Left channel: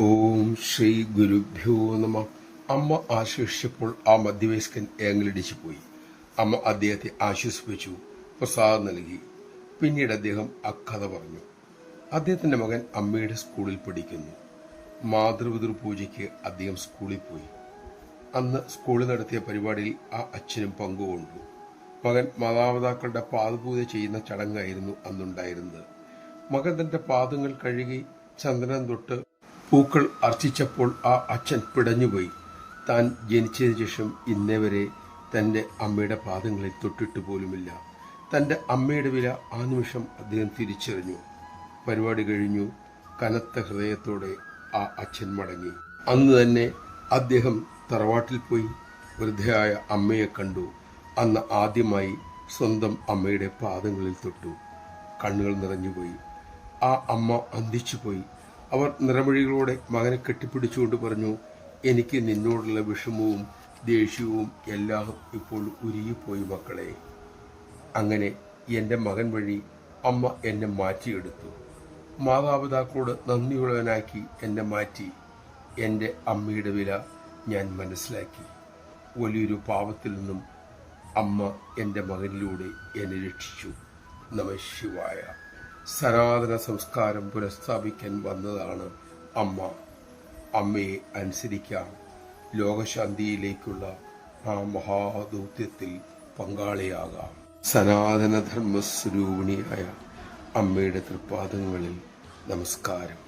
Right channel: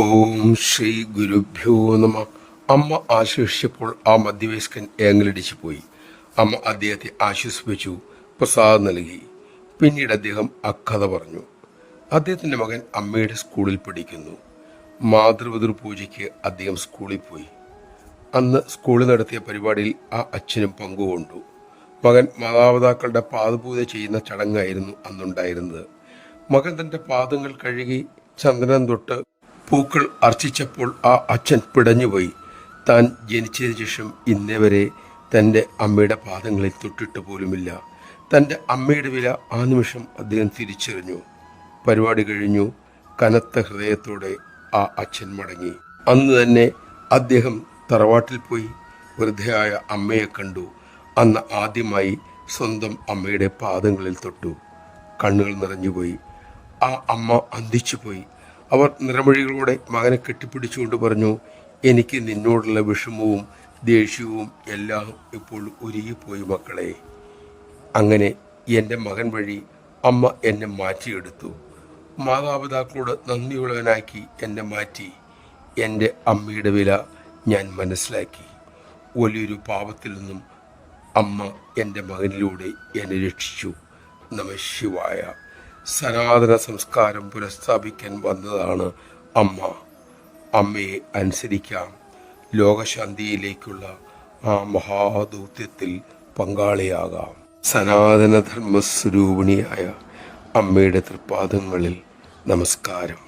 ഓം ശ്രീ ഗുരുഭ്യോ നമ. അമ്മ ആശ്വസിച്ചപ്പോൾ ആ മധ്യവയസ്കൻ ഏങ്ങലടിച്ചു പോയി. അമ്മ അദ്ദേഹത്തെ ആശ്വസിപ്പിച്ചു, പ്രസാദം നൽകി. പിന്നീട് അദ്ദേഹം അക്കഥ പറഞ്ഞു. അദ്ദേഹത്തിൻ്റെ മകൻ അമ്മയുടെ സ്കൂളിൽ പഠിക്കുന്നു. മാതൃപിതൃ പൂജയ്ക്ക് അദ്ദേഹം സ്കൂളിൽ പോയി. അന്ന് സ്കൂളിൽ നടത്തിയ പരിപാടിയിൽ ആ അച്ഛനും പങ്കുകൊണ്ടു. മകൻ മാതാപിതാക്കളുടെ പാദപൂജ ചെയ്യുന്ന ചടങ്ങായിരുന്നു അന്നുണ്ടായിരുന്നത്. മകൻ തൻ്റെ പാദങ്ങൾ കഴുകി ചന്ദനം തൊട്ട് പൂക്കൾ അർച്ചിച്ചപ്പോൾ ആ അച്ഛൻ പിടഞ്ഞുപോയി. താൻ ജനിച്ചതിന് ശേഷം ഇന്നേ വരെ തൻ്റെ അമ്മയുടെ പാദങ്ങളിൽ തൊട്ടിട്ട് പോലുമില്ല. തൻ്റെ അമ്മയുടെ വില ആ നിമിഷം അദ്ദേഹം തിരിച്ചറിഞ്ഞു. പരിപാടി കഴിഞ്ഞു. കനത്ത ഹൃദയത്തോടെ ആ അച്ഛൻ മടങ്ങി. അന്ന് തന്നെ അദ്ദേഹം തറവാട്ടിൽ പോയി വൃദ്ധയായ അമ്മയെ കണ്ടു. അന്ന് ആദ്യമായി സ്വന്തം അമ്മയുടെ പാദങ്ങളിൽ തൊട്ടു. കണ്ണുകൾ നിറഞ്ഞുപോയി. ആ അമ്മ അന്തിച്ചുപോയി. അവർ നിറമൊഴികളോടെ മകനെ കെട്ടിപ്പിടിച്ചുകൊണ്ട് പറഞ്ഞു, എനിക്ക് നിന്നോടുള്ള വിഷമവും ദേഷ്യവും എല്ലാം ഇപ്പോൾ ഉരുകിപ്പോയി മക്കളെ. അങ്ങനെ എൻ്റെ മകൻ വഴി അമ്മ എന്നെ മാറ്റിയെടുത്തു. മാതാപിതാക്കളോട് നന്ദിയുള്ളവനാക്കി എന്നെ മാറ്റി. എൻ്റെ അമ്മയുടെ വില ഞാൻ മനസ്സിലാക്കി. വലിയൊരു പാപത്തിൽ നിന്നും അമ്മ എൻ്റെ മകനിലൂടെ എന്നെ രക്ഷിച്ചു. നമഃശിവായ. സനാതന സംസ്കാരം പുനഃസ്ഥാപിക്കാൻ വന്നതാണ് അമ്മ. അമ്മയെ അനുസരിക്കാം. ലോകശാന്തിയിലേക്കുള്ള ആ മഹാദൗത്യത്തിൽ പങ്കാളിയാകാം. സനാതനധർമ്മസ്വരൂപിണിയായ അമ്മയുടെ തൃപ്പാദങ്ങളിൽ നമസ്കാരം.